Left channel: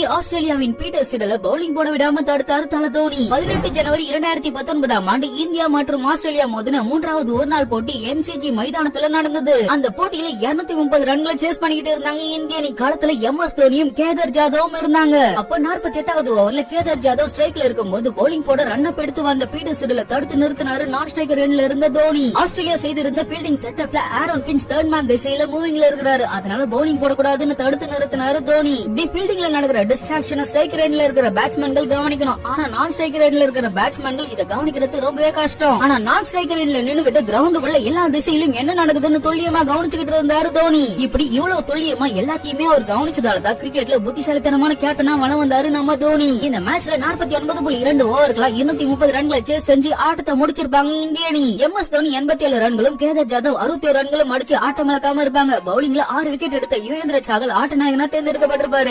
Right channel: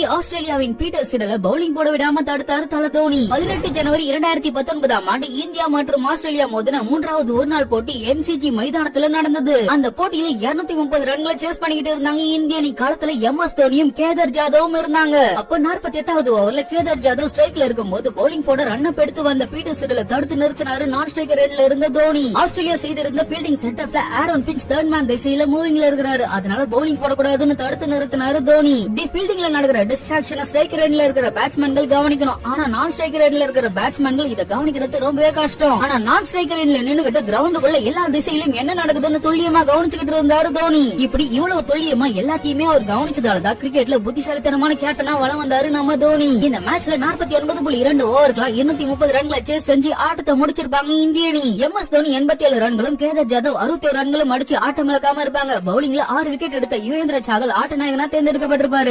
நோக்கி ஆஸ்திரேலியாவின் Peter சிடல bowling போட விடாம தடுத்தாரு தல தோனி. 18 ஜனவரி 2019 இந்தியா மற்றும் ஆஸ்திரேலியா மோதின 3வது ஒருநாள் போட்டி MCG மைதானத்துல நடந்தது. அந்த போட்டியில 230 ரன்களை சேஸ் பண்ணிக்கிட்டு இருந்தாங்க இந்திய அணி. காலத்துல MS தோனியும் கேதார் ஜாதவும் இருந்தாங்க. அப்ப 48வது ஓவர்ல கேதார் ஜாதவ் ஸ்ட்ரைக்ல இருக்கும்போது பவுலிங் போட ரன் அப் எடுத்து வந்த பீட்டர் சிடல தடுத்து நிறுத்தினாரு நான் ஸ்ட்ரைக்கர் எண்ட்ல இருந்த தோனி. ஆஸ்திரேலியா செய்திருந்த fielding செட்டப்ல Aaron Finch third man திசையில மூவிங்ல இருக்கிறாரு. அதனால பவுலிங் போடக்கூடாதுன்னு தடுத்து நிறுத்தினாரு தோனி. டி ஃபீல்டிங்ல நடக்கிற டிஸ்ட்ராக்ஷனை ஸ்ட்ரைக்கர் எண்ட்ல இருக்கிற பேட்ஸ்மேன்கள் கவனிக்கணும். ஆனா நான் ஸ்ட்ரைக்கர் எண்ட்ல இருக்கிற பேட்ஸ்மேன்கள் இத கவனிக்கிறது ரொம்பவே கஷ்டம். ஆனா நான் ஸ்ட்ரைக்கர் எண்ட்ல நின்னுகிட்டு கிரவுண்டுக்குள்ள எல்லா திசையிலும் என்ன நடக்குதுன்னு துல்லியமா கவனிச்சுக்கிட்டு இருந்தாரு தோனி. இப்படி இவ்வளவு துல்லியமா எல்லாத்தையுமே அவர் கவனிச்சதாலதான் கிரிக்கெட்ல புத்திசாலித்தனமான கேப்டனா வலம் வந்தாரு நம்ம தோனி. இந்த மேட்ச்ல 49.2 ஓவருக்குலாம் 230 ரன்களை சேஸ் செஞ்சு ஆட்டத்தை முடிச்சிருப்பாங்க இந்திய அணி. MS தோனி 87 ரன்களும் கேதார் ஜாதவ் 61 ரன்களும் அடிச்சு ஆட்டம் இழக்காம இருப்பாங்க. பவுலிங்ல 6 விக்கெட் எடுத்த யுவேந்திர சாகல் ஆட்ட நாயகனா தேர்ந்தெடுக்கப்பட்டிருப்பாரு.